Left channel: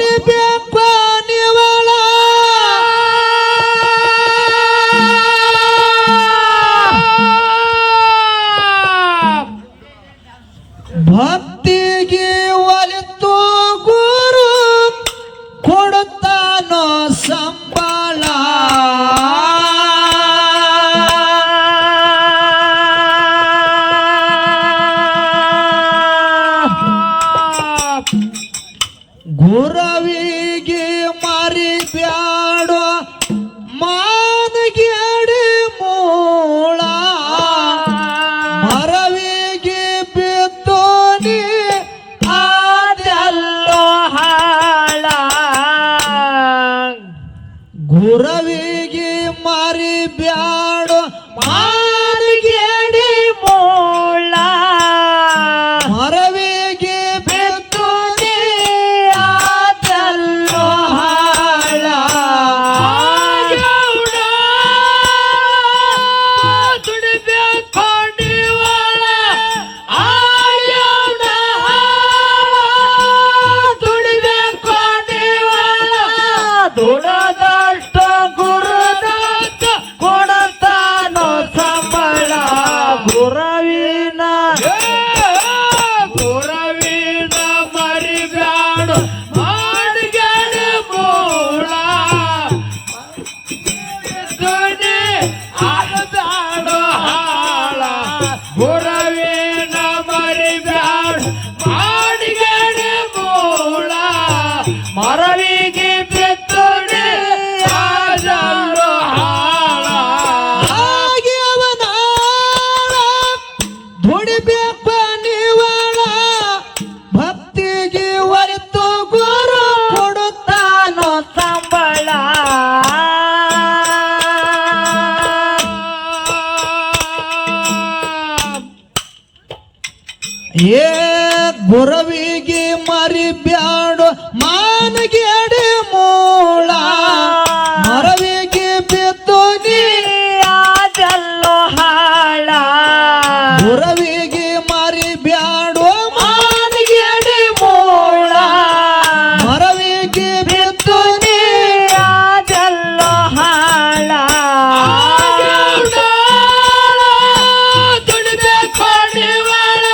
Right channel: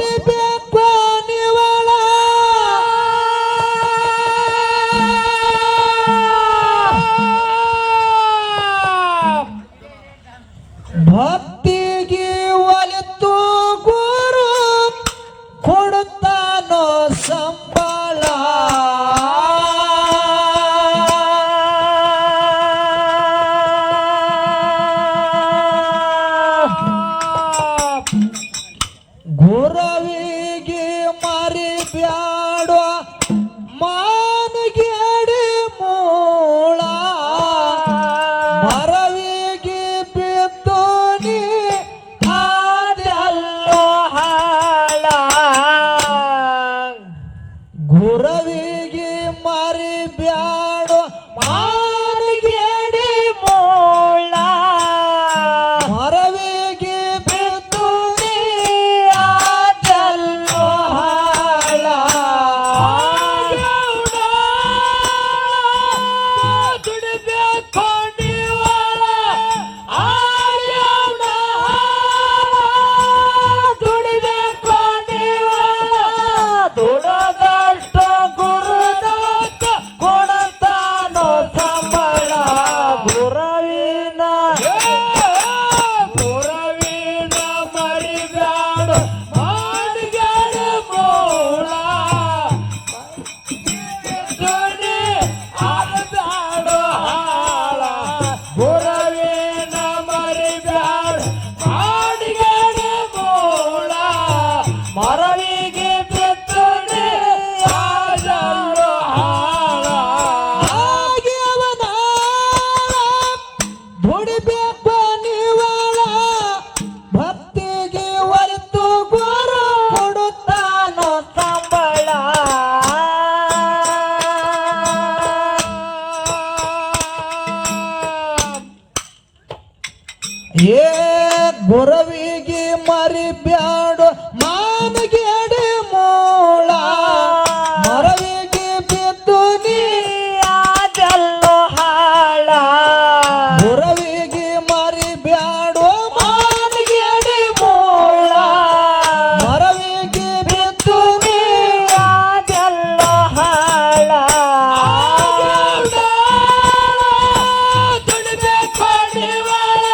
ದುಡಿಬೇಕು ನೀವಳ ಭಕ್ತಿಗೆ ಒಲಿತು ಗುರು ಕೊಡುತ್ತಾನೋ ಸಂಬಳ ಗುರವಿಗೆ ಮಾರಿ ಬ್ಯಾಡ ಮಾನಗೇಡಿ ಮೂಳ ಮರವಿಗೆ ಬಿದ್ದು ನೀ ಅದೆಲ್ಲೋ ಹಾಳ ಗುರವಿಗೆ ಮಾರಿ ಬ್ಯಾಡ ಮಾನಗೇಡಿ ಮೂಳ ಮರವಿಗೆ ಬಿದ್ದು ನೀ ಅದೆಲ್ಲೋ ಹಾಳ ದುಡಿಬೇಕು ನೀವಳ ಆಯೋಣ ದುಡಿಬೇಕು ನೀವಳ ದುಡದಷ್ಟ ಗುರುದತ್ತ ಕೊಡತಾನೋ ಸಂಬಳ ಗುರವಿನ ಮರಿಬ್ಯಾಡ ಮಾಡಿಗೆಡ ಮೂಳ ಧ್ವನಿ ಆಡದಾಡೋ ಹಾಳ ಗುರವಿನ ಮರಿಬ್ಯಾಡ ಮಾಡಿಗೆಡ ಮೂಳ ಮರವಿಗೆ ಬಿತ್ತುಡಿ ಆದಲ್ಲೋ ಹಾಳ ಆಗ್ಯವನ ದುಡಿಬೇಕು ನೀವಳ ಭಕ್ತಿಗೆ ಒಲಿತು ಗುರು ಕೊಡುತ್ತಾನೋ ಸಂಬಳ ಏ ಗುರವಿಗೆ ಮರಿ ಬ್ಯಾಡ ಮಾನಗೇಡಿ ಮೂಳ ಮರವಿಗೆ ಬಿದ್ದು ನೀ ಅದೆಲ್ಲೋ ಹಾಳ ಗುರವಿಗೆ ಮರಿ ಬ್ಯಾಡ ಮಾನಗೇಡಿ ಮೂಳ ಮರವಿಗೆ ಬಿದ್ದು ನೀ ಅದೆಲ್ಲೋ ಹಾಳ ದುಡಿಬೇಕು ನೀವಳ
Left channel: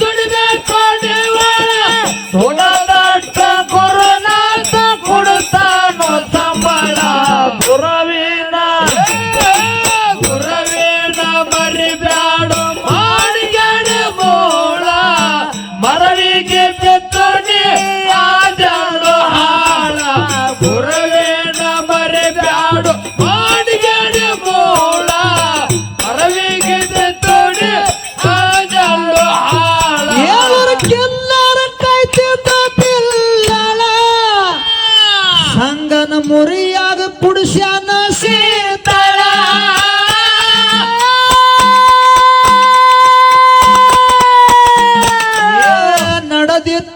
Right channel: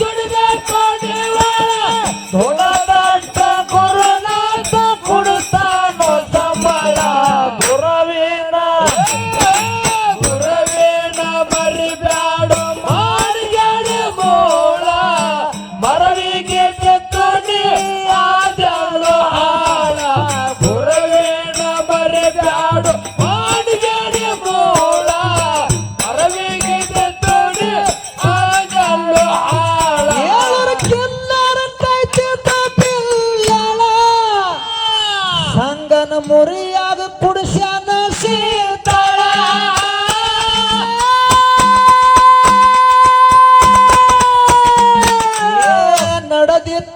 ದುಡಿಬೇಕು ನೀವಳ ದುಡದಷ್ಟ ಗುರುನಾಥ ಕೊಡುತ್ತಾನೋ ಸಂಬಳ ಗುರವಿನ ಮರಿಬ್ಯಾಡ ಮಾಡಿಗೆಡ ಮೂಳ ಮರವಿಗೆ ಬಿತ್ತುಡಿ ಆದಲ್ಲೋ ಹಾಳ ಗುರವಿನ ಮರಿಬ್ಯಾಡ ಮಾಡಿಗೆಡ ಮೂಳ ಮರವಿಗೆ ಬಿತ್ತುಡಿ ಆದಲ್ಲೋ ಹಾಳ ಏಳರ ಕಿಲ್ಲರ ಕೈತಿದ್ದ ಪಿಲ್ಲಳ ಸಂಗನ ಮುರಿಯಾಗ ಕುಡಿಸ್ಯಾನ ಸೀತಳ ನಡೆದಿದ್ದ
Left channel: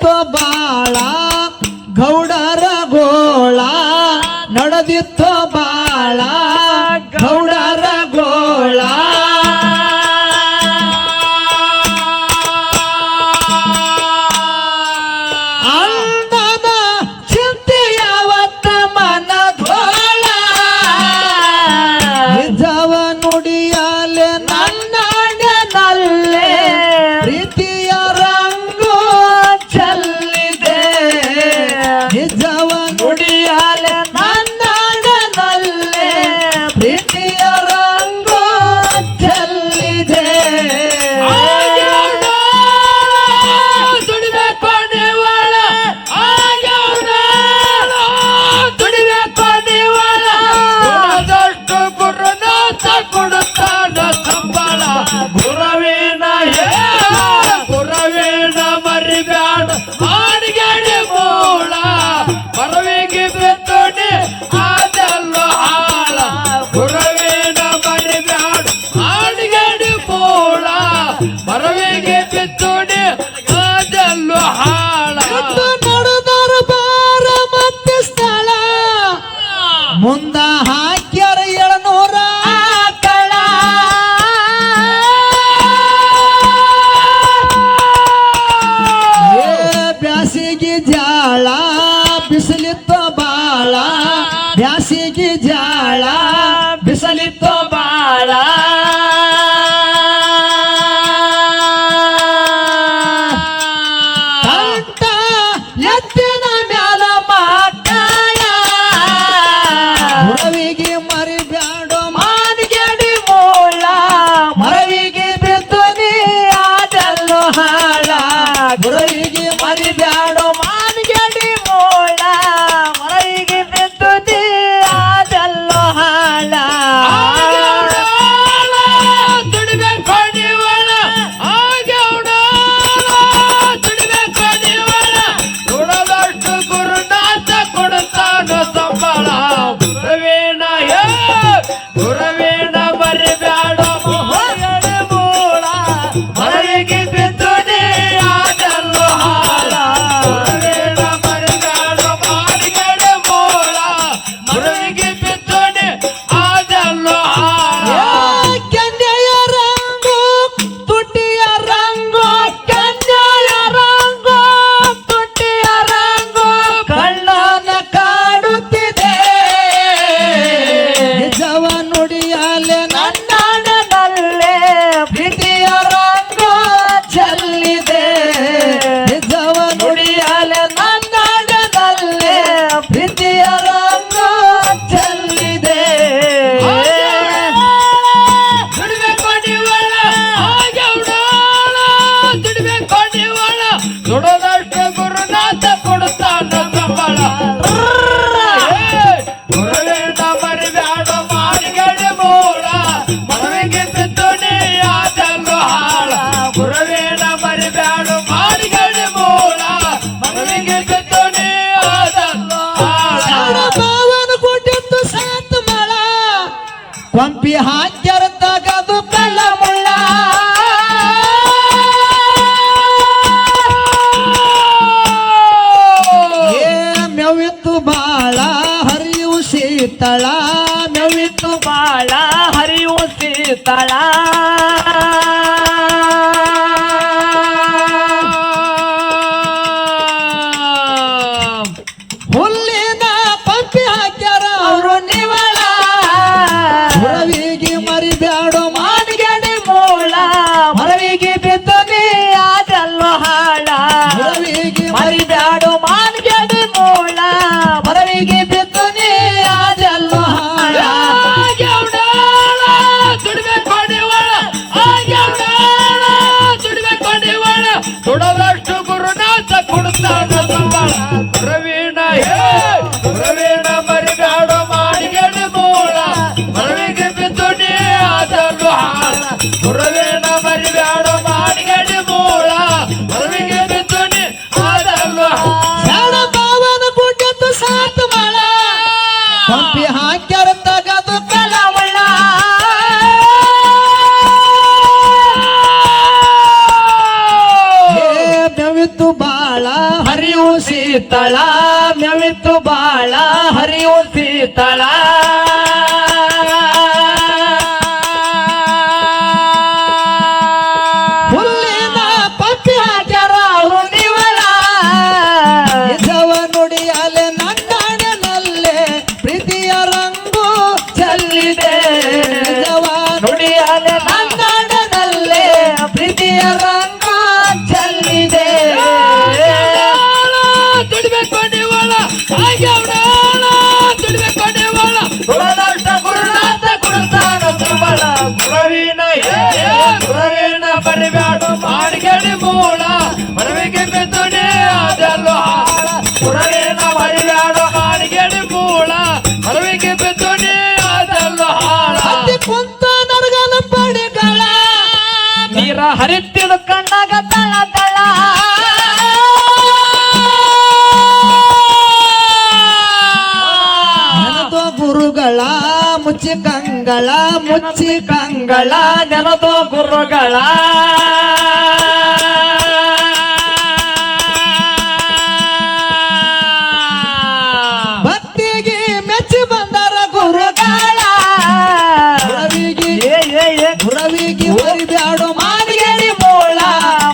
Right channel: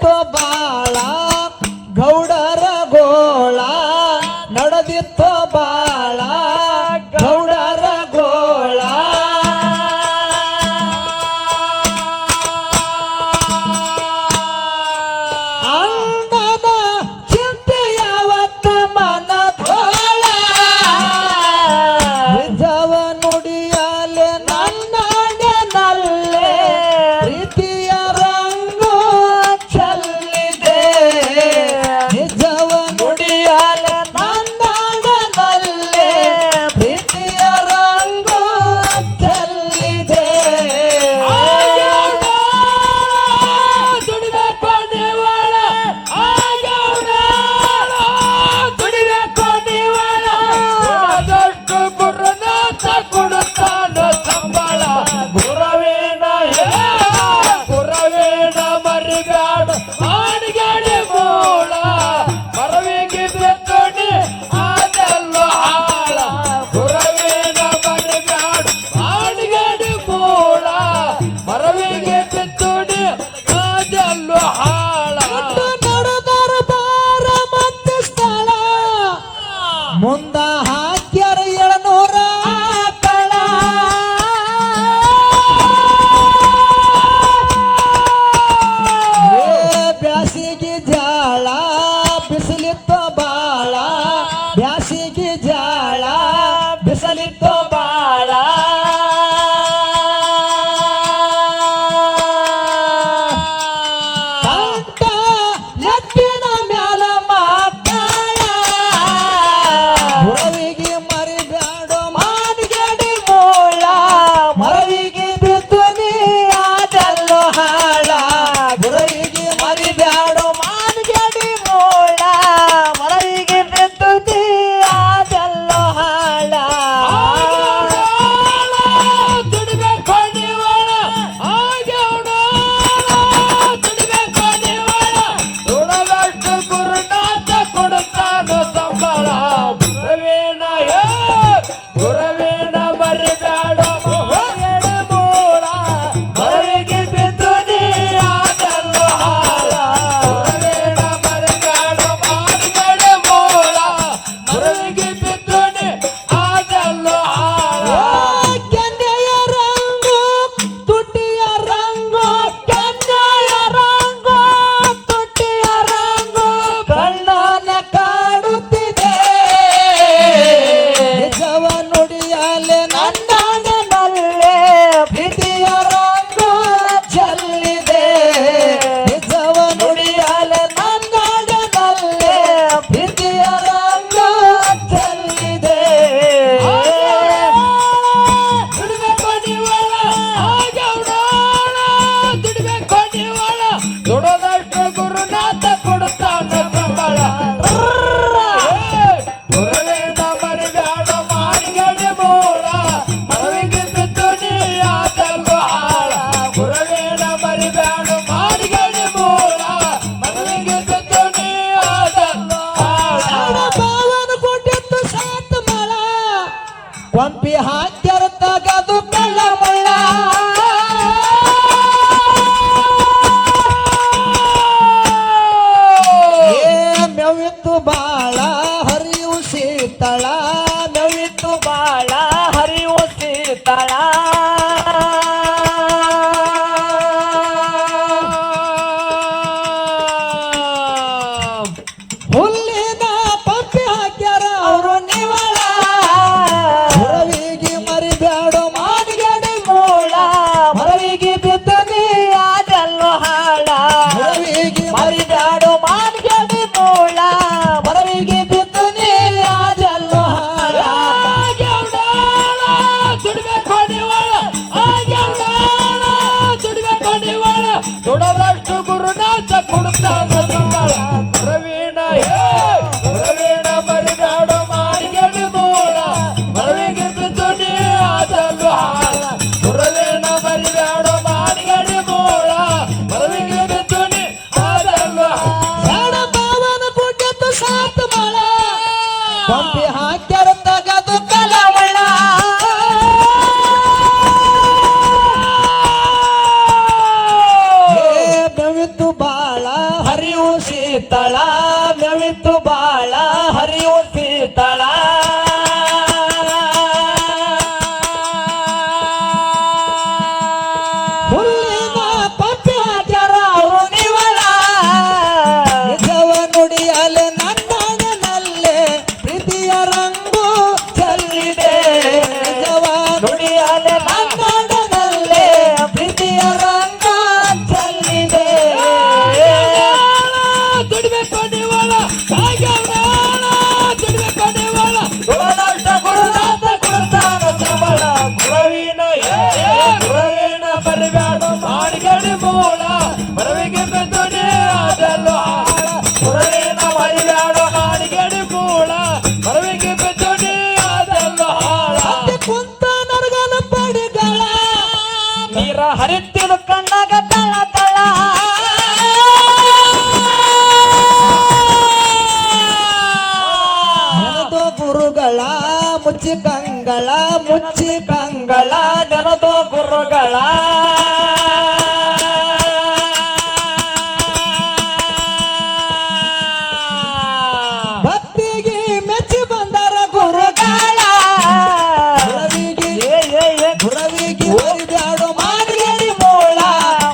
ಶೀತಳ ಮೆವಿತು ಬಾಳ ಹರಿಯೋ ಶೀತಳ ಹುಲ್ಲಿನ ಪಪ್ಪಿ ಹಾಕ್ಯಾರ ಹುಣಿವಳ ನಿಜವ ನುಡಿಯಲೆ ನನ್ನಡನಲ್ಲೇ ಪ್ರೀತಿಯ ರಂಗು ಚೆಲ್ಲಿದೆ ನಿಜವ ನುಡಿಯಲೆ ನನ್ನಡನಲ್ಲೇ ಪ್ರೀತಿಯ ರಂಗು ಚೆಲ್ಲಿದೆ ದುಡಿಬೇಕು ನೀವಳ ಹಾಗ್ಯಾವಳ ದುಡಿಬೇಕು ನೀವಳ ಗುರುನಾಥ ಗುರುನಾಥ ಗುರುತಾನ ಸಂಬಳ ಗುರುವಿನ ಗುರುವಿನ ಬರಿಬ್ಯಾಡ ಮಾಡಿಗೆಡಿ ಮೂಳ ಮರವಿಗೆ ಬೆತ್ತುಡೆ ಅದೆಲ್ಲ ಗುರುವಿನ ಬರಿಬ್ಯಾಡ ಮಾಡಿಗೆಡಿ ಮೂಳ ಮರವಿಗೆ ಬೆತ್ತುಡೆ ಅದೆಲ್ಲ ಹಾಳ ಕುಂತ ನರಗಲ ಪಡಿಗಳ ನೀರ ಹರಿತ್ತಿದ ಕಣ್ಣಾಗ ತಳ ತಳ ನೆನದು ಗುರುಗಳ ಮುಚ್ಚಿ ಕಂಗಳ ನೆನದು ಗುರುಗಳ ಭಕ್ತಿಗೆ ಮೆಚ್ಚಿ ಬಂದರ ಗುರುಗಳ ಗುರವಿಗೆ ಬರಿಬ್ಯಾಡು ಮಾಡಿಗೆಡಿ ಮೂಳ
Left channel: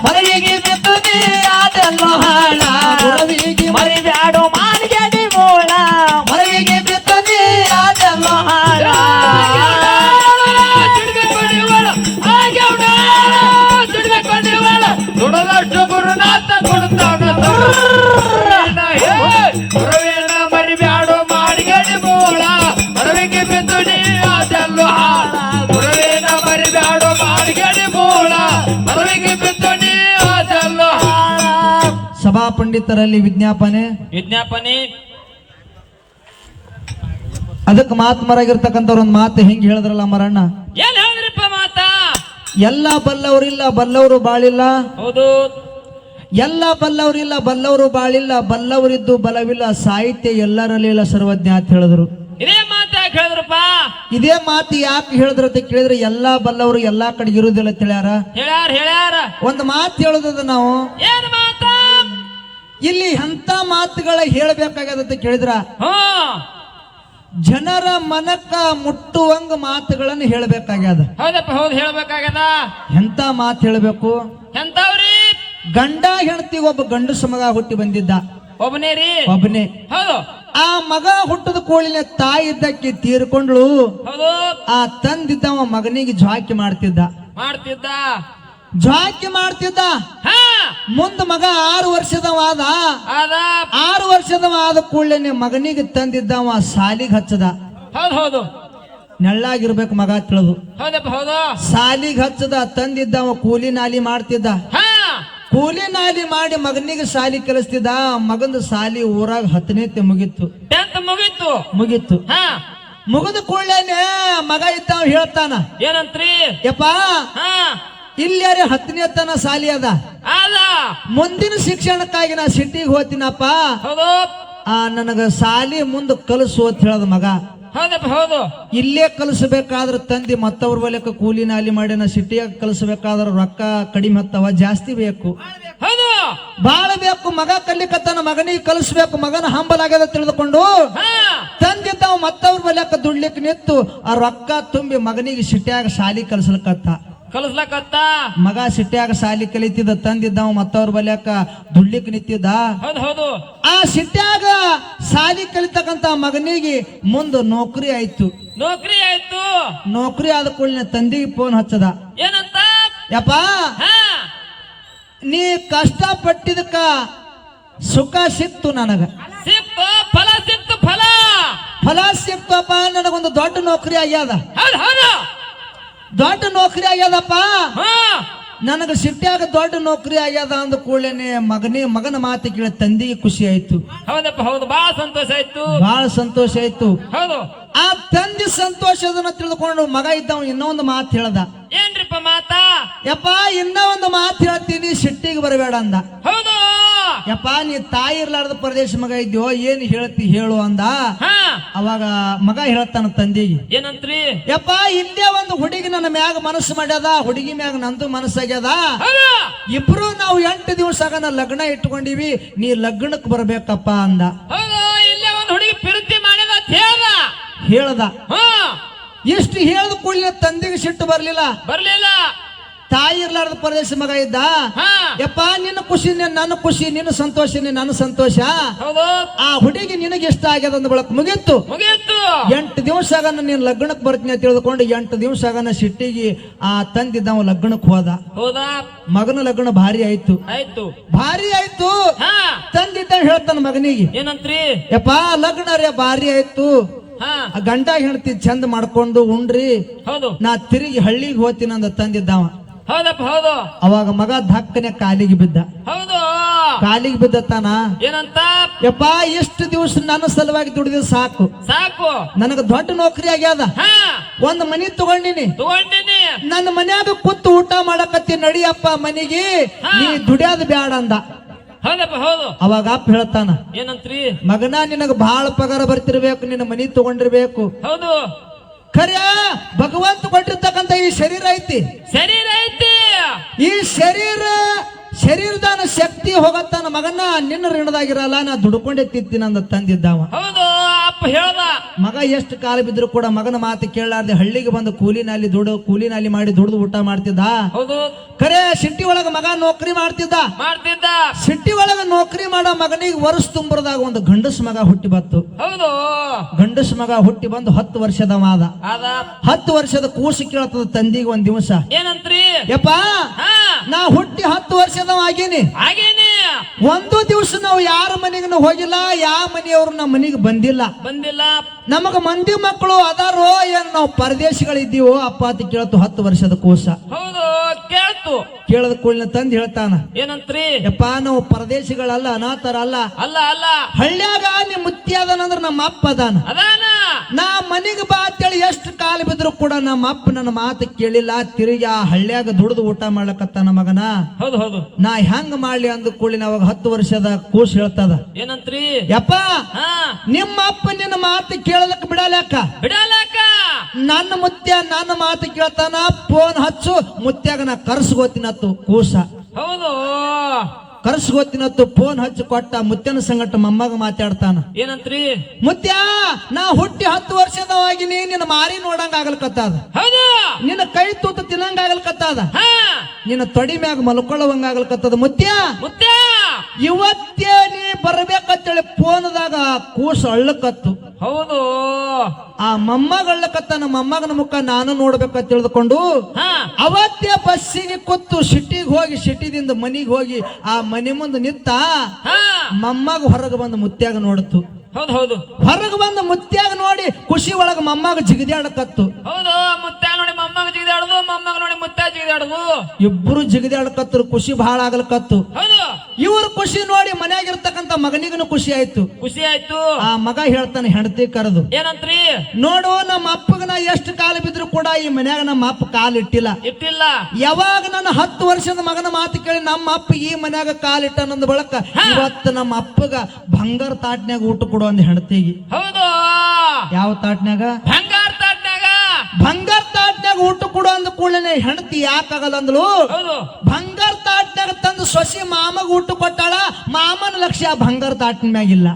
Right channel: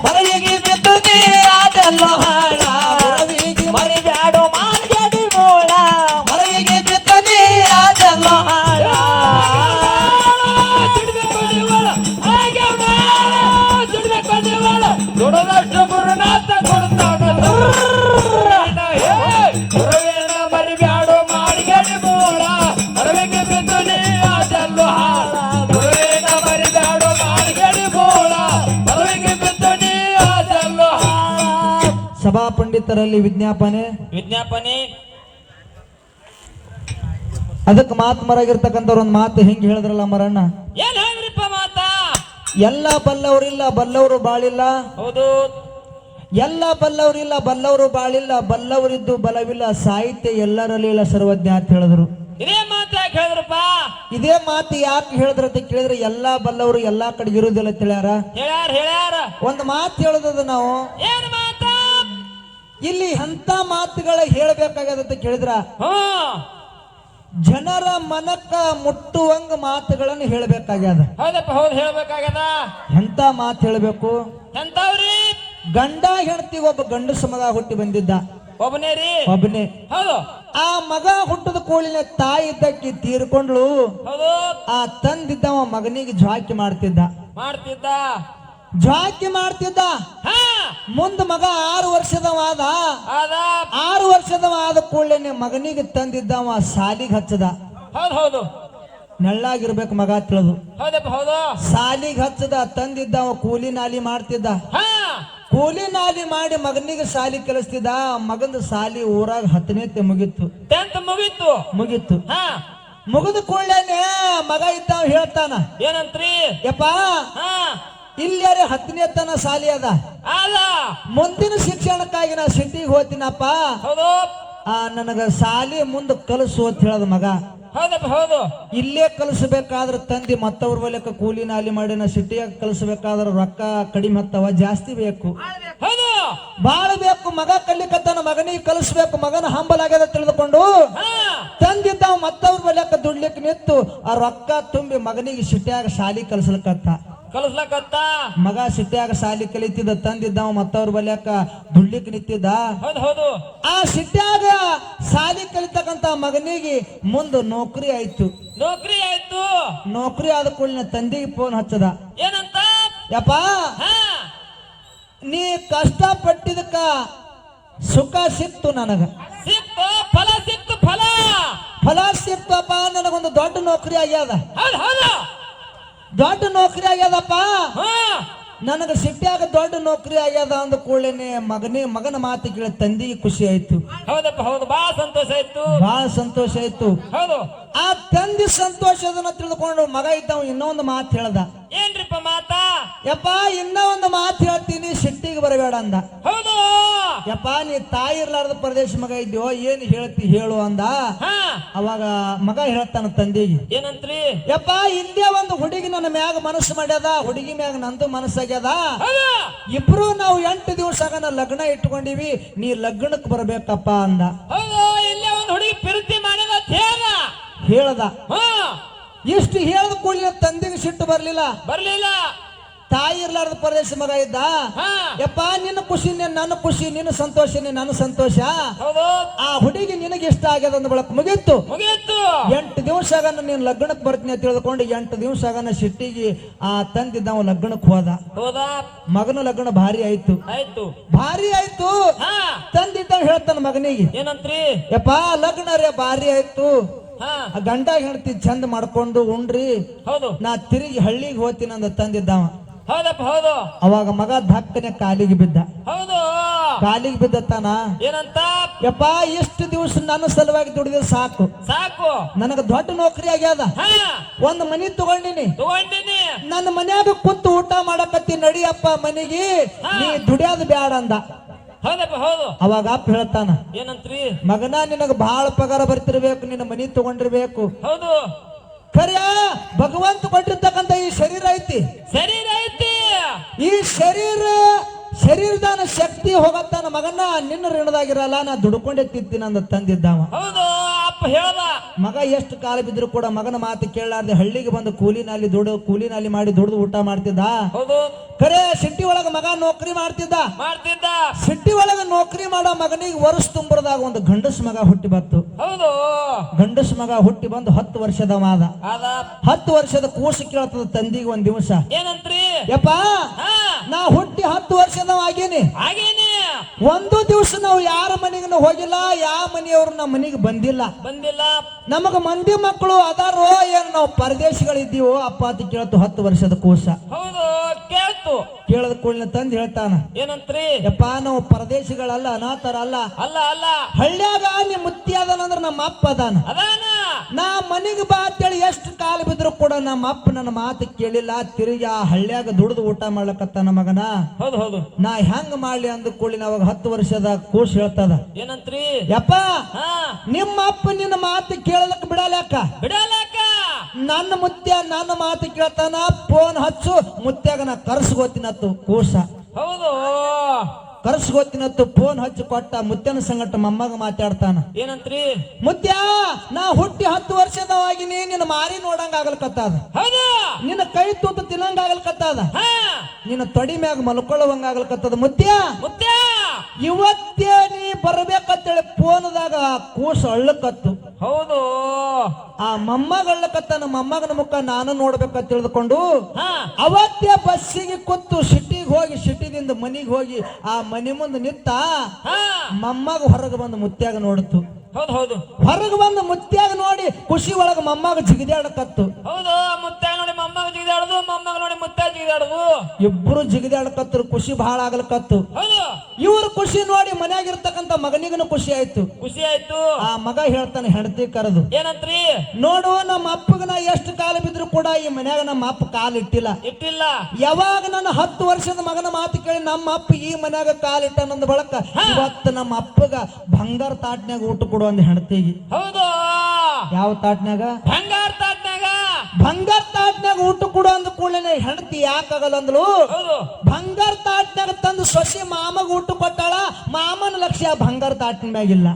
ಮರಿಗೆ ಬಿದ್ದುದೆ ಅದೆಲ್ಲ ಹಾಳ ಗುರವಿಗೆ ಮರಿಬ್ಯಾಡು ಮಾಡಿಗೆಡಿ ಮೂಳ ಮರಿಗೆ ಬಿದ್ದುದೆ ಅದೆಲ್ಲ ಹಾಳ ದುಡಿಬೇಕು ನೀವಳ ಹಾಗ್ಯಾವಳ ದುಡಿಬೇಕು ನೀವಳ ದುಡದಷ್ಟು ಗುರುನಾಥ ಕೊಡುತ್ತಾಗ ಗುರುವಿನ ಮರಿಬ್ಯಾಡು ಮಾಡಿಗೆಡಿ ಮೂಳ ಮರವಿಗೆ ಬಿದ್ದುದೆ ಅದೆಲ್ಲ ಹಾಳ ಗುರುವಿನ ಮರಿಬ್ಯಾಡು ಮಾಡಿಗೆಡಿ ಮೂಳ ಮರವಿಗೆ ಬಿದ್ದುದೆ ಅದೆಲ್ಲ ಹಾಳ ಸಭಾ ಪಂಡಿತರಲ್ಲಿ ವಿಜ್ಞಾಪನೆ ಅದಕ್ಕೆ ಮಾತ್ಮರಾಗಿರ್ತಕ್ಕಂಥವ್ರು ಒಂದು ಮಾತು ಹಿಂಗೆ ಹೇಳಿದ್ರಲ್ಲ ಮರಣ್ಣ ಏನ್ ಹೇಳಿದ್ರಪ್ಪ ಮಾತಾ ಎಲ್ಲ ಬಲ್ಲವರಿಲ್ಲ ಬಲ್ಲವರು ಬಾಳಿಲ್ಲ ಹೌದು ಎಲ್ಲ ಬಲ್ಲವರಿಲ್ಲ ಬಲ್ಲವರು ಬಾಳಿಲ್ಲ ಬಲ್ಲವರಿದ್ದು ಬಲವಿಲ್ಲ ಸಾಹಿತ್ಯ ಎಲ್ಲರಲ್ಲಿ ಇಲ್ಲ ಸರ್ವಜ್ಞ ಅಂತ ಹೇಳಿದ್ರು ಇದೇ ಮಾತು ಯಾಕೆ ಹೇಳಿದ್ರಪ್ಪ ಇದೇ ಮಾತು ಯಾಕೆ ಹೇಳಿದ್ರ ಅಂತ ಕೇಳಿದ್ರೆ ಎಲ್ಲಾ ಬಲ್ಲವರು ಎಲ್ಲಾ ಕಡೆ ಇರುವುದಿಲ್ಲ ತಿಳಿಯಾರ ಹೇಳ್ಯಾರ ಒಂದು ಮಾತು ಹೇಳೋದದ ನಾವು ಏನ್ ಮಾತಾ ಇಲ್ಲಿ ಎಂತ ಮಾತುಗಳ ಹೇಳ್ಬೇಕಾಗ್ಯದ ಅಂತ ಕೇಳಿದ್ರ ಹ್ಮ್ ಜನರ ಮನಕ್ಕ ಮುಟ್ಟುವಂಗ ಮಾತುಗಳನ್ನು ಹೇಳ್ಬೇಕಾಗ್ಯದ ಹೌದಪ್ಪ ಹೌದು ಹೇಳ್ಬೇಕಾಗದ ಎಂತ ಮಾತು ಹೇಳ್ಬೇಕು ಎಂತವ್ರಿ ಗಂಡ ಹೆಂಡತಿ ಒಬ್ಬ ಗಂಡಸ ಮಗ ಹುಟ್ಟಿ ಬಂದಿದ್ದ ಒಬ್ಬನೇ ರೀ ಒಬ್ಬನೇ ಹೌದು ಆ ಮಗ ಹುಟ್ಟದ ಕೂಡಲೇ ತಾಯಿ ಇದ್ದಕ್ಕೆ ತೀರ್ಕೊಂಡ್ಳು ಹೌದು ಆ ತಂದಿದ್ದವ ಮಗನಿಗೆ ಜ್ವಾಕಿ ಮಾಡ್ತಿದ್ದ ಹಾ ಮುಂದ ಮಗ 6 ವರ್ಷದವಾದ ಅದ 6 ವರ್ಷದವ ಆದ ಕೂಡಲೇ ಮಗನಿಗೆ ತಂದಿದ್ದವ ಸಾಲಿಗೆ ಹಚ್ಚದ ಹೌದು ನೆಳ್ಳಾಗಿರ್ಬೇಕು ಮಗ ತಿಳಿದು ಹೌದಪ್ಪ ಹೌದು ಸಾಲಿಗೆ ಹಚ್ಚದ ತಂದಿದ್ದವ ಕೂಲಿ ನಾಲಿ ಮಾಡ್ತಿದ್ದ ಹಾ ಕೂಲಿ ನಾಲಿ ಮಾಡಿ ಮಗನಿಗೆ ಸಾಲಿ ಕಲಿಸ್ತಿದ್ದ ಮಗಂದು ಸಾಲಿ ಊರಾಗ 10ನೇ ಮುಗಿತ್ತು 10th ಮುಗಿತ್ತು ಹಾ ಮುಗಿದ ಕೂಡಲೇ ಮಗ ಇದ್ದಾವ ಹೇಳ್ತಾನ ಏನಂತ್ರಿ ಯಪ್ಪಾ ಹಾ ಇಲ್ಲಾರೆ 10ನೇ ತನ ಸಾಲಿ ಅದ ಅದ ಮುಂದಿನ ಶಿಕ್ಷಣಕ್ಕಾಗಿ ನಾ ಸಿಟಿಗೆ ಹೋಗ್ತೀನಪ್ಪ ಹೌದು ನನಗ ಸಾಲಿ ಮುಂದೆ ಕಲಿಸು ಅಂತ ಹೇಳದ ಮಗ ಹೌದಪ್ಪ ಹೌದು ಇಲ್ಲೇ ಕಲಿಸಬೇಕಾದ್ರೆ ತಂದಿ ಮತ್ತವ್ರ ಬಲಕ ಕೂಲಿ ನಾಲಿ ಮಾಡಿ ನಾ ಸಿಟಿಯಾಗ ಕಲಿಸಬೇಕಾದ್ರೆ ರೊಕ್ಕ ಕಡಿಮೆ ಹತ್ತವ ಜಾಸ್ತಿ ಬೇಕು ಹೌದು ಬಾಳ ಬೇಕು ಮಗ ಕಲಿಕತ್ತನ ಮಗನಿಗೆ ಕಲಿಸ್ಬೇಕು ಮಗನ ಹಂಬಲಾಗ್ಯದ ತಿಳಿದುಕೊಂಡು ಹಾ ತಂದಿದ್ದಾವ ಮತ್ತವ್ರ ಬಲಕ ದುಡ್ಲಿಕ್ಕೆ ನಿಂತು ಆ ರೊಕ್ಕ ತುಂಬಿ ಮಗನಿಗೆ ಸಿಟಿಯಾಗ ಸಾಲಿ ಕಲಿಸ್ಲಕತ್ತ ಮಗ ಸಿಟ್ಯಾಗ ಸಾಲಿ ಕಲಿತಿದ್ದ ತಂದಿದ್ದಾವ ಮತ್ತವ್ರ ಬಲ್ಯಾಕ ದುಡ್ಲಿಕ್ ನಿಂತಿದ್ದ ಹೌದು ಆ ಸಿಟ್ಯಾಗ ಸಾಲಿ ಕಲಿತಕ್ಕಂತ ಮಗನಿಗೆ ಮುಂದ ನೌಕರಿ ಆಯ್ತು ನೌಕರಿ ಆದ ಕೂಡಲೇ ತಂದಿಗೆ ಫೋನ್ ಹಚ್ಚದ ಏನಂತ ಯಪ್ಪ ನೀ ಕಷ್ಟ ಪಟ್ಟಿದಕ್ಕ ಸುಖ ಸಿಕ್ತು ನನಗ ಫಲ ಸಿಕ್ತಪ್ಪ ನನಗೊಂದು ದೊಡ್ಡ ನೌಕರಿ ಆಗ್ಯದ ದೊಡ್ಡ ನೌಕರಿ ಆಗ್ಯದಪ್ಪ ನನಗ ಸಿಟ್ಯಾಗ ದೊಡ್ಡ ನೌಕರಿ ಆಗ್ಯದ ಅಂದ ಕೂಡಲೇ ಮಗನ ಮಾತು ಕೇಳಿ ತಂದಿಗೆ ಖುಷಿ ಆಯ್ತು ಹೌದಪ್ಪ ಹೌದು ಬಹಳ ಸಂತೋಷ ಆಯ್ತು ಹೌದು ಆ ತಂದೆ ಸಂತೋಷದನ್ನ ತಿಳಿದುಕೊಂಡು ಮಗ ಇದ್ದವ ಇನ್ನೊಂದು ಮಾತು ಹೇಳ್ದ ಏನ್ರಿಪ್ಪ ಮಾತಾ ಯಪ್ಪ ಇನ್ನ ಒಂದು ಮಾತು ಹೇಳ್ತೀನಿ ಸಿಟ್ಟಿಗೆ ಬರಬೇಡ ಅಂದ ಹೌದು ಯಪ್ಪ ನೀ ತಾಯಿ ಇರ್ಲಾರ್ದ ಪ್ರದೇಶ ಮಗ ಇದ್ಯೋ ಏನ್ ಹೇಳ್ತಿ ಹೇಳು ಅಂದ ಅವಾಗ ಮಗ ಹೇಳ್ತಾನ ತಂದೆಗೆ, ಏನಂತ್ರಿ? ಯಪ್ಪ ಇಲ್ಲೇ ಒಂದು ಹುಡುಗಿ ನನ್ನ ಮ್ಯಾಗ ಮನಸ್ಸು ಮಾಡ್ಯದ, ಹುಡುಗಿ ಮ್ಯಾಗ ನಂದು ಮನಸ್ಸಾಗ್ಯದ, ಇಬ್ರು ನಾವು 8 ದಿವಸ ಲಗ್ನ ಇಟ್ಕೊಂಡಿವಿ, ನೀ ಲಗ್ನಕ್ಕೆ ಬರ್ಬೇಕಪ್ಪ ಅಂದ. ಹೌದು, ಇಲ್ಲೇ ಒಂದು ಹುಡುಗಿ ಪ್ರೀತಿ ಮಾಡಿದ ಅಂತ ಹೇಳ್ದ. ಇಷ್ಟು ಹೇಳ್ದ ಕೂಡಲೇ ತಂದೆಗೆ ಸಿಟ್ಟು ಬರ್ಲಿಲ್ಲ. ತಾಯಿ ಇರ್ಲಾರ್ದ ಪರದೇಶ ಮಗ ಇದ್ದ. ಯಪ್ಪ ನಿನ್ನ ಖುಷಿ ನನ್ನ ಖುಷಿ, ನಿನ್ನ ಸಂತೋಷನೇ ನನ್ನ ಸಂತೋಷ. ಆ ಹುಡುಗಿ ನಿನಗೆ ಇಷ್ಟ ಆಗ್ಯದ ಅಂದ ಬಳಕ ಮುಗೀತು. 8 ದಿವಸ ನೀನ್ ಲಗ್ನಕ್ಕೆ ಬರ್ತೀನಿ ಅಂತ ತಿಳಿದುಕೊಂಡು 8 ದಿವಸ ಸಿಟ್ಟಿಗೆ ಆ ತಂದಿದ್ದ ಅವ ಲಗ್ನಕ್ಕೆ ಹೋದ. ಮಗನ ಲಗ್ನ ಭಾರಿ ಆಯ್ತು. ಭಾರಿ ಆಯ್ತು. ತಂದಿದ್ದ ಹೇಳ್ತಾನ ಮಗನಿಗೆ, ಏನಂತ್ರಿ? ಯಪ್ಪ ಲಗ್ನ ರೇ ಭಾರಿ ಆಯ್ತು, ಗಂಡ ಹೆಂಡತಿ ಚಂದ ಮಾಡ್ಕೊಂಡು ಉಂಡ್ರಿ, ನಾ ತಿರುಗಿ ಹಳ್ಳಿಗೆ ಹೋಗ್ತೀನಿ ಅಂದ ತಂದಿದ್ದವ. ಅವಾಗ ಮಗ ಧಕ್ಕನೆ ಕಾಲಿಗೆ ಬಿದ್ದ. ಕಾಲಿಗೆ ಬಿದ್ದತಾನ, ಏನಂತ? ಯಪ್ಪ ಎಷ್ಟು ದಿವಸ ನನ್ನ ಸಲುವಾಗಿ ದುಡಿದ ಸಾಕು, ನನಗ ದೊಡ್ಡ ನೌಕರಿ ಆಗ್ಯಾದ, ಒಂದ್ ಮನಿ ತಗೊಂಡಿನಿ, ನನ್ನ ಮನ್ಯಾಗ ಕೂತು ಊಟ ಮಾಡಕತ್ತಿ, ನಡಿಯಪ್ಪ ಮನಿಗೆ, ನೀ ದುಡಿಯೋದು ಬ್ಯಾಡ ಅಂದ. ಅವಾಗ ಅಪ್ಪ ಹೇಳ್ತಾನ, ಏನಂತ್ರಿ? ಮಗನ ನಿನಗ ಬಹಳ ಪಗಾರ ಬರ್ತಿರ್ಬೇಕು, ನಿನ್ನ ಮನಿ ತಗೊಂಡಿರ್ಬೇಕು. ಖರೆ ಭಗವಂತ ಕೊಟ್ಟಿರ್ತಕ್ಕಂತ ಈ ಶರೀರ ಐತಿ, ಈ ಶರೀರದಾನ ಶಕ್ತಿ ಹೋಗತ್ತಾನ. ಮಗನ ನಿನ್ನ ಋಣದಾಗಿರಲ್ಲ, ನಾ ದುಡ್ಕೊಂಡೆ ತಿಂತೀನಿ ಅಂದ ತಂದಿದ್ದಾವ. ಮಗ ಎಷ್ಟು ಕಾಲ ಬಿದ್ರು ಕೂಡ ಮಗನ ಮಾತು ಕೇಳಲಾರ್ದೆ ಹಳ್ಳಿಗೆ ಬಂದು ಕೂಲಿನಾಲಿ ಮಾಡಿ ದುಡ್ದು ಊಟ ಮಾಡ್ತಿದ್ದ. ಖರೆ ಸಿಟಿ ಒಳಗ ಮಗ ನೌಕರಿ ಮಾಡ್ತಿದ್ದ. ಸಿಟಿ ಒಳಗ ನೌಕರಿ ಮಾಡೋ ಮಗನಿಗೆ ವರ್ಷ ತುಂಬರದಾಗ ಒಂದು ಗಂಡಸ್ ಮಗ ಹುಟ್ಟಿ ಬಂತು. ಗಂಡಸ್ ಮಗ ಹುಟ್ಟಿ ಬಂದು 10 ವರ್ಷದವಾದ. 10 ವರ್ಷದ ಕೂಸು ಕೇಳ್ತದ ತಂದಿಗೆ ಒಂದ್ ದಿವಸ, ಏನಂತ್ರಿ? ಯಪ್ಪ ನಾ ಹುಟ್ಟಿ 10 ವರ್ಷದವ ಆಗೇನಿ, ಒಂದು ದಿವಸ ನಾವು ಯಾರ ಮನೆಗೂ ಹೋಗಿಲ್ಲ, ಯಾವ ಮನೆಯವರು ನಮ್ಮ ಮನೆಗೆ ಬಂದಿಲ್ಲ. ನಮಗ ಮಂದಿ ಮಕ್ಕಳು ಅದಾರೋ ಏನ್ ನಾವು ಪರದೇಶಗಳಿದ್ದೀವೋ ಅಪ್ಪ ಅಂತ ಕೇಳ್ತು 10 ವರ್ಷದ ಕೂಸ. ಕೇಳದ ಕೂಡಲೇ ತಂದು ಹೇಳ್ತಾನ, ಏನಂತ್ರಿ? ಯಪ್ಪ ನಾವು ಪರದೇಶಿಗಳಲ್ಲ, ಅನಾಥರ ಅಲ್ಲ, ಹಳ್ಳ್ಯಾಗ ನಿಮ್ ಮುತ್ತಿ ಅದಾನಂದ್ರ ನಮ್ಮ ಅಪ್ಪ ಅದಾನ. ನಾ ಮನಿಗೆ ಬಾ ಅಂತೇಳಿ ಎಷ್ಟು ಕಾಲ ಬಿದ್ರು ಕೂಡ ನಮ್ಮ ಅಪ್ಪ ನನ್ನ ಮಾತು ಕೇಳಿಲ್ಲ, ತಿರುಗಿ ಆ ಹಳ್ಳ್ಯಾಗ ದುಡ್ದು ಊಟ ಮಾಡ್ಲಕತ್ತಾನ ಮಗನ. ನಾ ಹೆಂಗ್ ಮಾಡ್ಲಿ ಅಂದ ಕೂಡಲೇ ಅವಾಗ 10 ವರ್ಷದ ಕೂಸ್ ಹೇಳ್ತದ, ಏನಂತ್ರಿ? ಯಪ್ಪ ನಿಮ್ಮ ಅಪ್ಪ ನಿನ್ನ ಮಾತು ಕೇಳಲಕ್ಕ ಬಿಡಲಕ್ಕ, ನನ್ನ ಮುತ್ಯ ನನ್ನ ಮಾತು ಕೇಳ್ತಾನ, ಫೋನ್ ಹಚ್ಚು, ಮುತ್ಯಾಗ ನಾ ಕರ್ಸ್ಗೋತಿನತ್ತು ಕೂಸ. ಕರ್ಸ್ಗೋತಿನತ್ತು ಫೋನ್ ಹಚ್ಚಿ ಕೊಟ್ಟ. ಮುತ್ಯನ ಸಂಗಟ ಮೊಮ್ಮಗ ಮಾತಾಡ್ತಾನ, ಏನಂತ್ರಿ? ಮುತ್ಯ ನಾ ಹುಟ್ಟಿ 10 ವರ್ಷದವಾಗಿನಿ, ನಿನ್ನ ಮಾರಿ ನೋಡಂಗ ಆಗಲ್ಕತ್ತದ, ನಿನ್ನ ಕೈ ತೂತು ತಿನ್ನಂಗ ಆಗಲ್ಕತ್ತದ, ನಿನ್ನ ತೊಡಿ ಮ್ಯಾಗ ಮಲ್ಕೊಳ್ಳುವಂಗ ಆಗಲ್ಕತ್ತದ. ಮುತ್ಯ ಇವತ್ತೇ ನೀ ಬರ್ಬೇಕಂತೇಳಿ ಫೋನ್ದಾಗ ಕೂಸ ಅಳ್ಳಕತ್ತು. ಆ ಮೊಮ್ಮಗ ಅಳ್ಳಕತ್ತಾನ, ಮೊಮ್ಮಗನ ಮುಖ ನಾನು ನೋಡ್ಬೇಕಂತ ತಿಳಿದುಕೊಂಡು ಅವತ್ತೇ ಬಸ್ಸಿಗೆ ಕೂತು ಸಿಟಿಗೆ ಹೋಗಿ, ಸಿಟಿದಿಂದ ಮನಿಗೆ ಹೋಗಿ ಆ ಮನೆ ಮುಂದೆ ನಿಂತ. ಮೊಮ್ಮಗ ಹೊರಗೆ ಬಂದು ಮುತ್ಯಾಗ ನೋಡ್ತು. ಹೊರಗೆ ಬಂದು ಮುತ್ಯಾಗ ನೋಡಿ ಖುಷಿ ಒಳಗ ಮೊಮ್ಮಗ ಜಿಗಿದಾಡಕತ್ತು. ಇಬ್ರು ಜಿಗಿದಾಡಕತ್ತರು, ಖುಷಿ ಬಹಳ ಆಗಲಕತ್ತು. ಇವ್ರು ಖುಷಿ ನೋಡಿ ಮನ್ಯಾಗಿರ್ತಕ್ಕಂತ ಮಗನಿಗನು ಖುಷಿ ಆಯ್ತು. ಆ ಮಗ ಹೇಳ್ತಾನೆ ಹೆಂಡತಿ ಕರೆದು, ಏನಂತ್ರಿ? ನೋಡು ನಮ್ಮ ಅಪ್ಪಗ ನಾ ಎಷ್ಟು ಕಾಲ ಬಿದ್ರು ಕೂಡ ಈ ಮನ್ಯಾಗ ನಮ್ಮ ಅಪ್ಪ ಕಾಲು ಇಟ್ಟಿಲ್ಲ. ಯಾವಾಗ ನನ್ನ 10 ವರ್ಷದ ಮಗನ ಮಾತು ಕೇಳಿ ನಮ್ಮ ಅಪ್ಪ ಈ ಮನ್ಯಾಗ ಕಾಲಿಟ್ಟ ನಂದ ಬಳಕ ಇವತ್ತು ನಮ್ಮ ಅಪ್ಪಗ ಬಂಗಾರ ತಾಟ್ನ್ಯಾಗ ಊಟ ಕೊಡು ಅಂದ ಹೆಂಡತಿಗೆ. ಯಾವ ತಾಟ್ನ್ಯಾಗ? ಬಂಗಾರ ತಾಟ್ನ್ಯಾಗ ಊಟ ಕೊಡು ಅಂದ ಕೂಡಲೇ ಹೆಂಡತಿ ಯಾಕಾಗಲ್ಲ ಅಂದ್ಲು. ಬಂಗಾರ ತಾಟ್ನ್ಯಾಗ ತಂದು ಸೊಸಿ ಮಾಮಗ ಊಟ ಕೊಟ್ಟಾಳ, ಮಾಮನ ಲಕ್ಷ್ಯ ಬಂಗಾರ ತಾಟಿನ ಮ್ಯಾಗಿಲ್ಲ,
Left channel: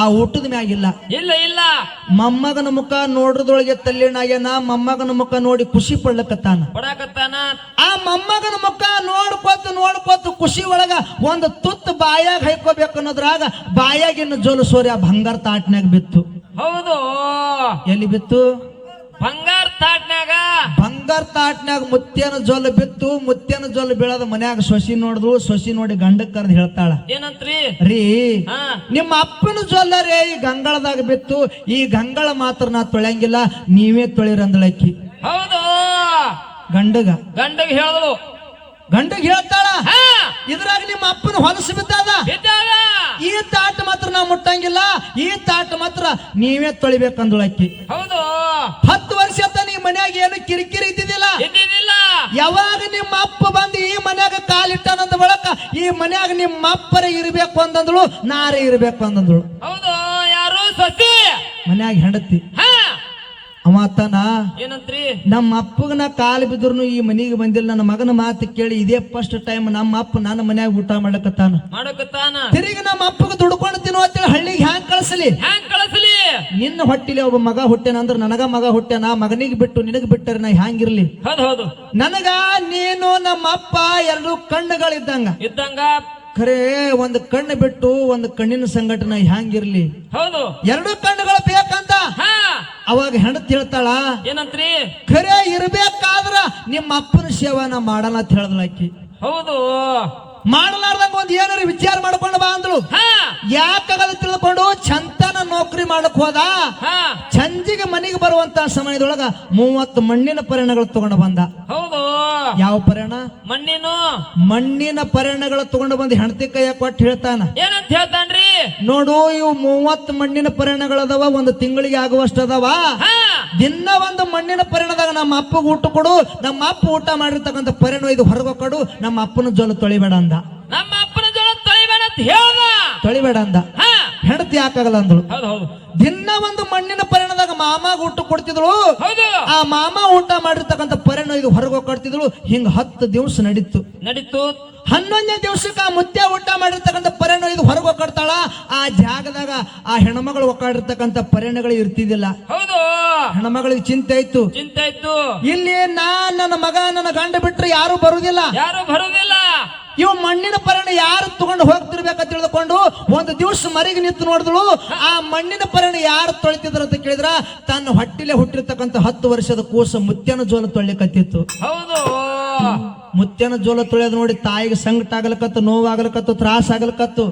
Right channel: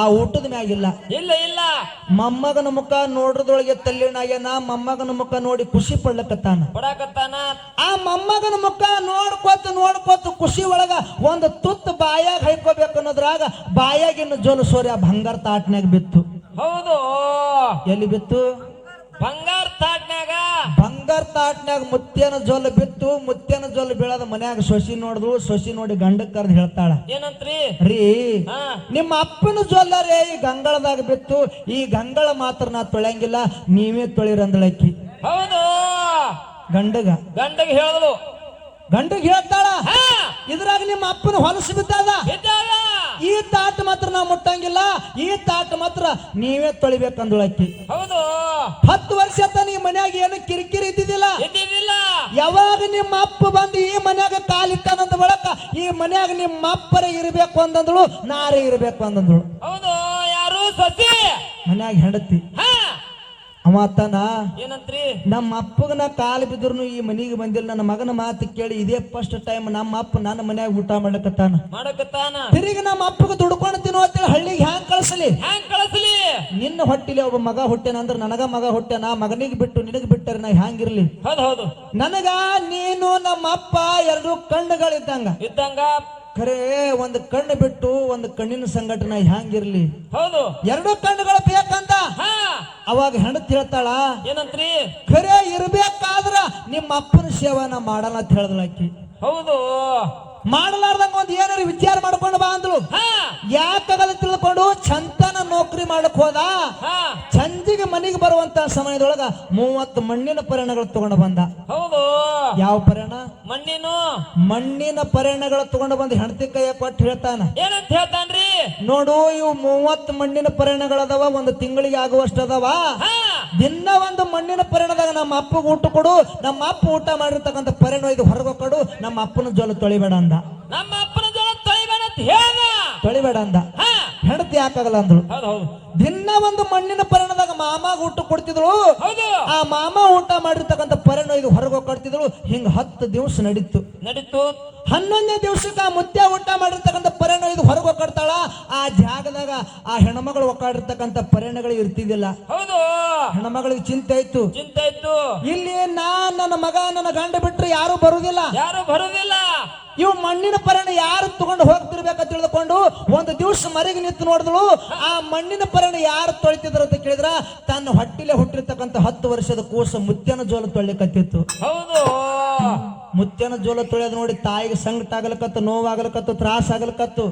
ಆ ಊಟದ ಮ್ಯಾಗಿಲ್ಲ. ಮೊಮ್ಮಗನ ಮುಖ ನೋಡ್ರದೊಳಗೆ ತಲ್ಲಿನಾಗ್ಯಾನ. ಮೊಮ್ಮಗನ ಮುಖ ನೋಡಿ ಖುಷಿ ಪಡ್ಲಕತ್ತಾನ. ಆ ಮೊಮ್ಮಗನ ಮುಖ ನೋಡ್ಕೋತ ಖುಷಿ ಒಳಗ ಒಂದು ತುತ್ತು ಬಾಯಾಗ ಹೈಕೋಬೇಕು ಅನ್ನೋದ್ರಾಗ ಬಾಯಾಗಿನ ಜೋಲು ಸೂರ್ಯ ಬಂಗಾರ ತಾಟ್ನ್ಯಾಗ ಬಿತ್ತು. ಎಲ್ಲಿ ಬಿತ್ತು? ಬಂಗಾರ ತಾಟ್ನ್ಯಾಗ ಮುತ್ಯನ ಜೊಲ್ಲು ಬಿತ್ತು. ಮುತ್ಯನ ಜೊಲ್ಲು ಬೀಳದ ಮನ್ಯಾಗ ಸೊಸಿ ನೋಡಿದ್ಳು. ಸೊಸಿ ನೋಡಿ ಗಂಡಕ್ ಕರೆದು ಹೇಳ್ತಾಳ, ಏನಂತ್ರಿ? ರೀ ನಿಮ್ಮ ಅಪ್ಪನ ಜೊಲ್ಲ ರೇ ಈ ಗಂಗಳದಾಗ ಬಿತ್ತು, ಈ ಗಂಗಳ ಮಾತ್ರ ನಾ ತೊಳೆಯಂಗಿಲ್ಲ, ನೀವೇ ತೊಳಿರಂದಳಕ್ಕಿ. ಗಂಡಗ ಹೇಳಿದ್ಳು. ಗಂಡಗ್ ಹೇಳ್ತಾಳ, ಇದ್ರಾಗ ನಿಮ್ಮ ಅಪ್ಪನ ಹೊಲಸು ಬಿದ್ದಾದ, ಈ ತಾಟ ಮಾತ್ರ ನಾ ಮುಟ್ಟಂಗಿಲ್ಲ, ಈ ತಾಟ ಮಾತ್ರ ನೀವೇ ತೊಳಿಬೇಕಂದಳಕ್ಕಿ. 10 ವರ್ಷ ನೀ ಮನ್ಯಾಗ ಏನು ಕಿರಿಕಿರಿ ಇದ್ದಿದ್ದಿಲ್ಲ. ಯಾವಾಗ ನಿಮ್ಮ ಅಪ್ಪ ಬಂದು ಈ ಮನ್ಯಾಗ ಕಾಲಿಟ್ಟನಂದ ಬಳಕ ಈ ಮನ್ಯಾಗ ನಿಮ್ಮ ಅಪ್ಪರೇ ಇರ್ಬೇಕು ಅಂದಂದಳು, ನಾರೇ ಇರ್ಬೇಕು ಅಂದಂದಳು. ಯಾರು? ಸೊಸಿ. ಮನ್ಯಾಗ ಹೆಂಡತಿ ಹಾ ಅವ ಅತ್ತಾನ ಏನಂತ್ರಿ ನಮ್ಮ ಅಪ್ಪಗ ನಾ ಕಾಲು ಬಿದ್ರು ಈ ಮನಿಗೆ ಬಂದಿಲ್ಲ. ನನ್ನ ಮಗನ ಮಾತು ಕೇಳಿ ಇದೇ ಫಸ್ಟ್ ಟೈಮ್ ನಮ್ಮ ಅಪ್ಪ ನನ್ನ ಮನ್ಯಾಗ ಊಟ ಮಾಡಕತ್ತಾನ. ತಿರುಗಿ ನಮ್ಮ ಅಪ್ಪಗ ದುಡ್ಕೊಂಡು ತಿನ್ನೋ ಅಂತೇಳಿ ಹಳ್ಳಿಗೆ ಹ್ಯಾಂಗ್ ಕಳಿಸಲಿ? ನಿನ್ನ ಹೊಟ್ಟಿಲಿ ಒಬ್ಬ ಮಗ ಹುಟ್ಟೆನ ಅಂದ್ರ ನನಗ ಮಗ ಹುಟ್ಟೆನ, ಮಗನಿಗೆ ಬಿಟ್ಟು ನಿನಗ್ ಬಿಟ್ಟರೆ ನಾ ಹ್ಯಾಂಗಿರ್ಲಿ? ಹೌದು ನನಗ ನೀನು ನಮ್ಮ ಅಪ್ಪ ಎರಡು ಕಣ್ಣುಗಳಿದ್ದಂಗ ಇದ್ದಂಗ, ಖರೆ ಒಂದು ಕಣ್ಣು ಬಿಟ್ಟು ಒಂದು ಕಣ್ಣಿನ ಸಂಘಟನೆ ಹ್ಯಾಂಗಿರ್ಲಿ? ಹೌದು ಎರಡು ಕಣ್ಣುಗಳು ಬೇಕಂತ. ಹಾ ಅವಾಗ ಹೆಂಡತಿ ಹೇಳ್ತಾಳ ಏನಂತ್ರಿ ಖರೆ ಇರ್ಬೇಕಾದ್ರ ನಿಮ್ಮ ಅಪ್ಪನ ಸೇವನ ಮಾಡಲ್ಲ ಅಂತ ಹೇಳ್ದಳ ಆಕಿ. ಹೌದು ಮಾಡಲಾರ್ದಂಗ ಒಂದ್ ಏನಾರ ವಿಚಾರ ಮಾಡ್ಕೊಂಡು ಬಾ ಅಂದ್ರು. ಹಾ ಯಾಕಾಗಲ್ಲ ತಿಳ್ಕೊಂಡು ಚಂತನ ನೌಕರಿ ಮಾಡಕ್ ಹೋದ. ಹಾ ಸಂಜೆಗೆ ಮನೆಗೆ ಬರುವಂತ ಸಮಯದೊಳಗ 30 ಮಣ್ಣಿನ ಪರಿಣಗಳು ತಗೊಂಡು ಬಂದ. ಹೌದು ಯಾವ ಪರಿಣ? ಮಣ್ಣಿನ ಪರಿಣಗಳು ತಗೊಂಡು ಬಂದು ಹೆಂಡತಿ ಕೈಯ ಕೊಟ್ಟು ಹೇಳ್ತಾನ ಏನಂತ ಹೇಳ್ತಾನ್ರಿ? ನೋಡು ಇವು 30 ಮಣ್ಣಿನ ಪರಿಣಗಳದಾವ, ಒಂದು ತಿಂಗಳಿಗೆ ಆಗುವಷ್ಟು ಅದಾವ. ದಿನ ಒಂದು ಮಣ್ಣಿನ ಪರಿಣದಾಗ ನಮ್ಮ ಅಪ್ಪಗೆ ಊಟ ಕೊಡು, ನಮ್ಮ ಅಪ್ಪ ಊಟ ಮಾಡಿರ್ತಕ್ಕಂಥ ಪರಿಣ ಇದು ಹೊರಗೆ ಕೊಡು, ನಮ್ಮ ಅಪ್ಪನ ಜೋಲು ತೊಳಿಬೇಡ ಅಂದ. ನಮ್ಮ ಅಪ್ಪನ ಜೋಲು ತೊಳಿಬೇಡ ಅಂತ ಹೇಳ್ದ. ತೊಳಿಬೇಡ ಅಂದ. ಹೆಂಡತಿ ಯಾಕಾಗಲ್ಲ ಅಂದಳು. ದಿನ ಒಂದು ಮಣ್ಣಿನ ಪರಿಣದಾಗ ಮಾಮಾಗ ಊಟ ಕೊಡ್ತಿದ್ಳು. ಆ ಮಾಮ ಊಟ ಮಾಡಿರ್ತಕ್ಕಂಥ ಪರಿಣ ಇದು ಹೊರಗೆ ಕೊಡ್ತಿದ್ಳು. ಹಿಂಗ 10 ದಿವಸ ನಡೀತು. 11ನೇ ದಿವಸಕ್ಕೆ ಆ ಮುತ್ಯ ಊಟ ಮಾಡಿರ್ತಕ್ಕಂಥ ಪರಿಣ ಇದು ಹೊರಗೆ ಕೊಡ್ತಾಳ. ಆ ಜಾಗದಾಗ ಆ ಹೆಣ್ಮಗಳು ಒಕ್ಕಾಡಿರ್ತಕ್ಕಂಥ ಪರಿಣಗಳು ಇರ್ತಿದ್ದಿಲ್ಲ. ಹೆಣ್ಮಗಳಿಗೆ ಚಿಂತೆ ಇತ್ತು. ಇಲ್ಲಿ ನನ್ನ ಮಗ ನನ್ನ ಗಂಡ ಬಿಟ್ರೆ ಯಾರು ಬರುದಿಲ್ಲ. ಇವು ಮಣ್ಣಿನ ಪರಿಣ ಯಾರು ತಗೊಂಡು ಹೋಗ್ತಿರ್ಬೇಕಂತ ತಿಳಿದುಕೊಂಡು ಒಂದು ದಿವಸ ಮರಿಗೆ ನಿಂತು ನೋಡಿದ್ಳು. ಆ ಮಣ್ಣಿನ ಪರಿಣ ಯಾರು ತೊಳಿತಿದ್ರು ಅಂತ ಕೇಳಿದ್ರ ತನ್ನ ಹೊಟ್ಟಿಲೆ ಹುಟ್ಟಿರ್ತಕ್ಕಂಥ 10 ವರ್ಷದ ಕೂಸು ಮುತ್ಯನ ಜೋಲು ತೊಳಿಕತ್ತಿತ್ತು. ಮುತ್ಯನ ಜೋಲ ತೊಳೆಯೋದು ನೋಡಿ ತಾಯಿಗೆ ಸಂಕಟ ಆಗಲಕತ್ತು, ನೋವಾಗಲಕತ್ತು, ತ್ರಾಸ ಆಗಲಕತ್ತು.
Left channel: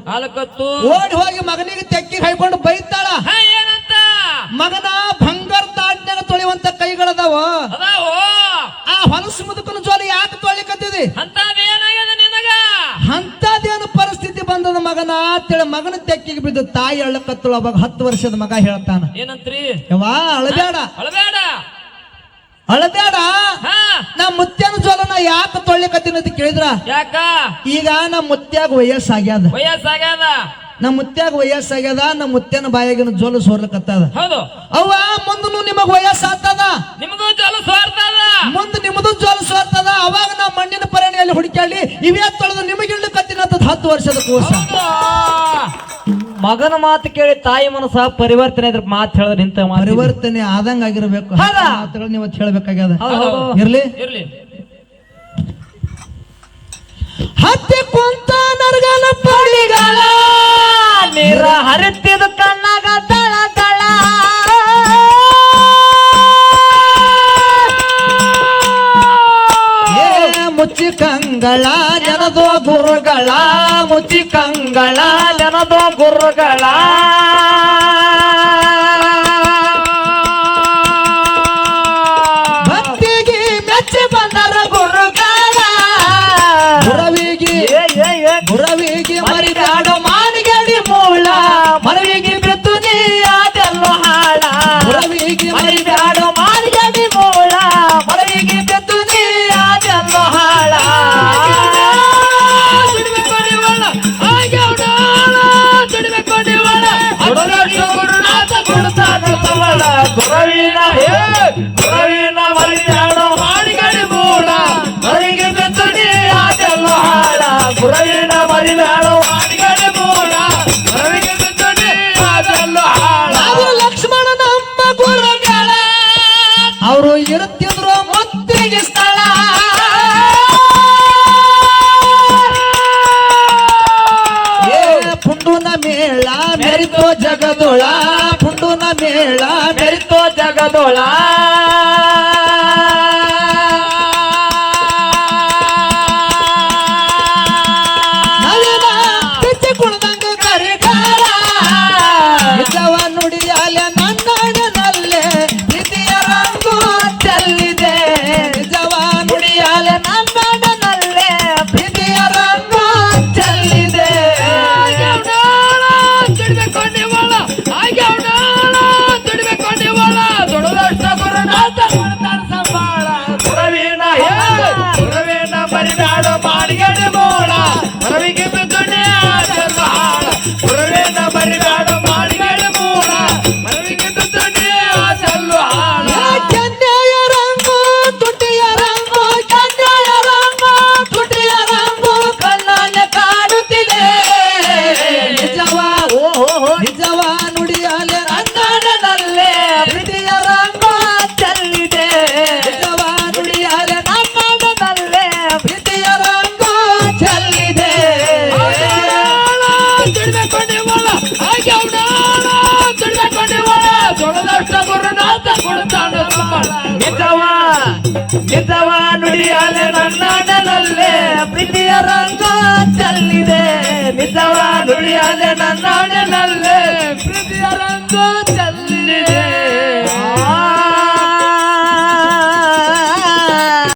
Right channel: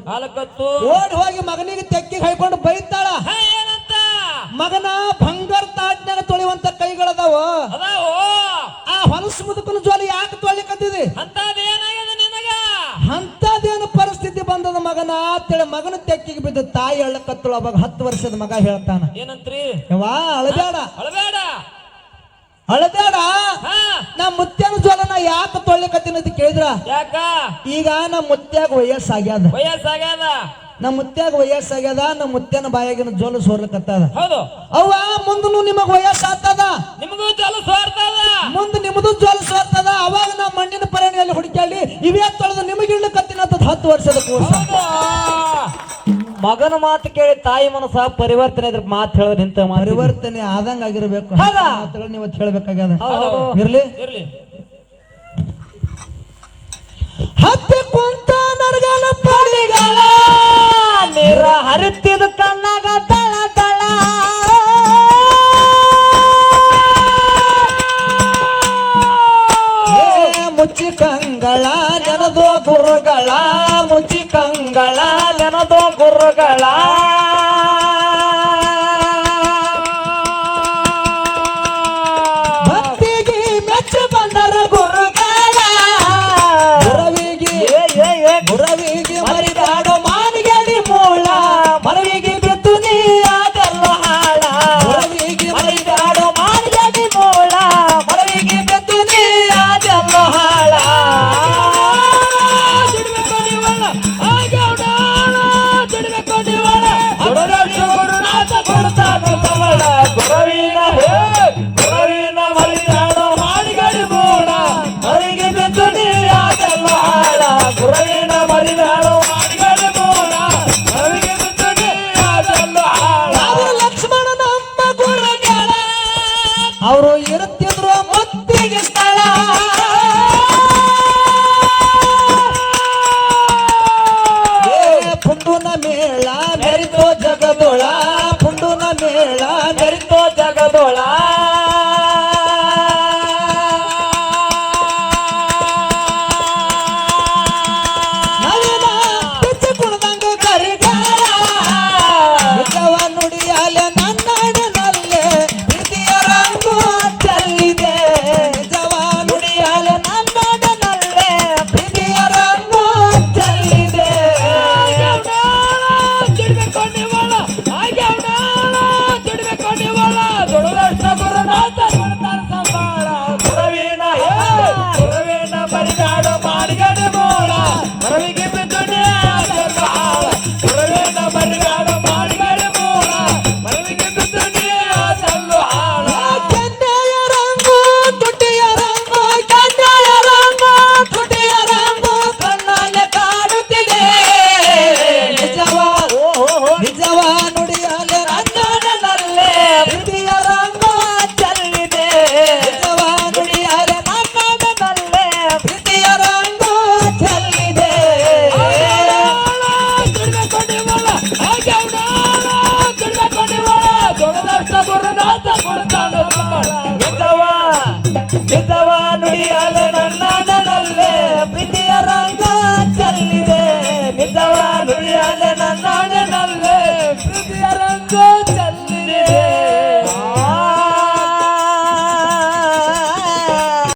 ಓಡಿ ಹೋಗಿ ಮಗನಿಗೆ ತೆಕ್ಕಿಗೆ ಹಾಯ್ಕೊಂಡು ಬೈತಾಳ. ಮಗನ ಬಂಗಾರ ತಾಡ್ನಾಗ ತೊಳೆಯುವಂತ ಕೈಗಳದಾವ, ಆ ಹೊಲಸು ಮುದುಕನ ಜೋಲ ಯಾಕೆ ತೊಳಿಕತ್ತಿದೆ? ಅಂತದೇನು ಪರಿಸ್ಥಿತಿ ಬಂದದ ಮಗನ ಅಂತೇಳಿ ಮಗನ ತೆಕ್ಕಿಗೆ ಬಿದ್ದು ತಾಯಿ ಅಳ್ಳಕತ್ತಳು. ಅವಾಗ 10 ವರ್ಷದ ಮಗ ಹೇಳ್ತಾನ ಏನಂತ್ರಿ? ಯವ್ವಾ ಅಳಬೇಡ ಅಳಬೇಡ, ನಾ ಮುತ್ಯನ ಜೋಲನ ಯಾಕೆ ತೊಳ್ಳಿಕತ್ತೀನಿ ಅಂತ ಕೇಳಿದ್ರ ಯಾಕ? ಈಗ ನಮ್ಮ ಮುತ್ಯಾಗ ವಯಸ್ಸಾಗ್ಯದ. ನಮ್ಮ ಮುತ್ಯಾಗ ವಯಸ್ಸಾಗ್ಯದ. ನಮ್ಮ ಮುತ್ಯನ ಬಾಯಾಗಿನ ಜೋಲು ಸೋರ್ಲಕತ್ತದ. ಅವ್ವ ಮುಂದನು ನಿಮಗ್ ವಯಸ್ಸಾಗ್ತದ, ನಿಮಗೂ ಜೋಲು ಸೋರ್ತದ, ಮುಂದೆ ನಿಮ್ಮದು ಜೋಲು ಸೋರ್ತದ. ಅವಾಗ ನಾ ಮಣ್ಣಿನ ಪರಿಣಿಯಲ್ಲಿ ಹುಡುಕಾಡಿ ಇವೇ ತೊಳೆದು ನಿಮಗೆ ಇಡ್ಲಕತ್ತೀನಿ ಅಂತ 10 ವರ್ಷದ ಕೂಸ. ಮಗನ ಮಾತು ಕೇಳಿ ತಾಯಿ ಮನಸ್ಸ ಪರಿವರ್ತನೆ ಇದ್ರ ಮಾತು ಹೇಳೋದು ನಿಂತ ಪರಿವರ್ತನೆ ಆದಂಗ ಆಗಿರ್ಬೇಕು. ಮಾತುಗಳು ನೀವು ಹೇಳ್ಬೇಕಾಗ್ಯದ. ಇರ್ಲಿ ಹತ್ತಿ ಕುಂತ ನರಗನ ಪಡಿಗಳ ನೀರ ಹರಿತಿದು ಕಣ್ಣಾಗ ತಳ ತಳ ಮುಚ್ಚಿ ಕಂಗಳ ಜನದೋ ಗುರುಗಳ, ಮುಚ್ಚಿ ಕಂಗಳ ಜನದೋ ಗುರುಗಳ ಭಕ್ತಿಗೆ ಮೆಚ್ಚಿ ಬಂದರ ಗುರುಗಳ, ಗುರವಿಗೆ ಮರಿದಾಡು ಮಾನಿಗಡಿ ಮೂಳ, ಮರವಿಗೆ ಬಿತ್ತು ನೀ ಅದೆಲ್ಲೋ ಹಾಳ. ಗುರವಿಗೆ ಮರಿದಾಡು ಮಾನಿಗಡಿ ಮೂಳ, ಮರವಿಗೆ ಬಿತ್ತು ನೀ ಅದೆಲ್ಲೋ ಹಾಳ. ಗುರುನಾಥ ಕೊಡುತ್ತಾನವಳ ಗುರವಿನ ಗುರವಿನ ಮರಿದಾಡು ಮಾನಿಗಡಿ ಮೂಳ, ಮರವಿಗೆ ಬಿತ್ತು ನೀ ಅದೆಲ್ಲೋ ಹಾಳ. ಗುರವಿನ ಮರಿದಾಡು ಮಾನಿಗಡಿ ಮೂಳ, ಮರವಿಗೆ ಬಿತ್ತು ನೀ ಅದೆಲ್ಲೋ ಹಾಳ. ಲಕ್ಷ್ಮಣನ ಅಮ್ಮ ಗುರುಗಳ ಅವರು ಇರುತ್ತಿದ್ರು ಮುತ್ತಿಗೆ ಸ್ಥಳ. ಪುಂಡುನ ಮೇಳ ಮೆರಿತೋ ಜಗದೊಳ, ಪುಂಡುನ ಮೇಳ ಮೆರಿತೋ ಜಗದೊಳ. ನವೀನ ಬಿಚ್ಚಿ ಕುಳ್ದಂಗ ಕರಿಗಾಲ, ನಿಜವ ನುಡಿಯಲ್ಲ ನನ್ನಡನಲ್ಲೇ ಪ್ರೀತಿಯ ರಂಗು ಚೆಲ್ಲಿದೆ. ನಿಜವ ನುಡಿಯಲ್ಲ ನನ್ನಡನಲ್ಲೇ ಪ್ರೀತಿಯ ರಂಗು ಚೆಲ್ಲಿದೆ. ದುಡಿಮೆ ಕೊಂಡಿವಳ ಆಗ್ಯಾವಣ ದುಡಿಮೆ ಕೊಂಡಿವಳ ದೊಡ್ಡದಷ್ಟ ಗುರುನಾಥ ಕೊಡ್ತಾನ ನಿಜವ ನುಡಿಯಲೆ ನನ್ನಾಡಲಲ್ಲೇ ಪ್ರೀತಿಯ ರಂಗ ಚೆಲ್ಲಿದೆ ನಿಜವ ನುಡಿಯಲೆ ನನ್ನಾಡಲಲ್ಲೇ ಪ್ರೀತಿಯ ರಂಗ ಚೆಲ್ಲಿದೆ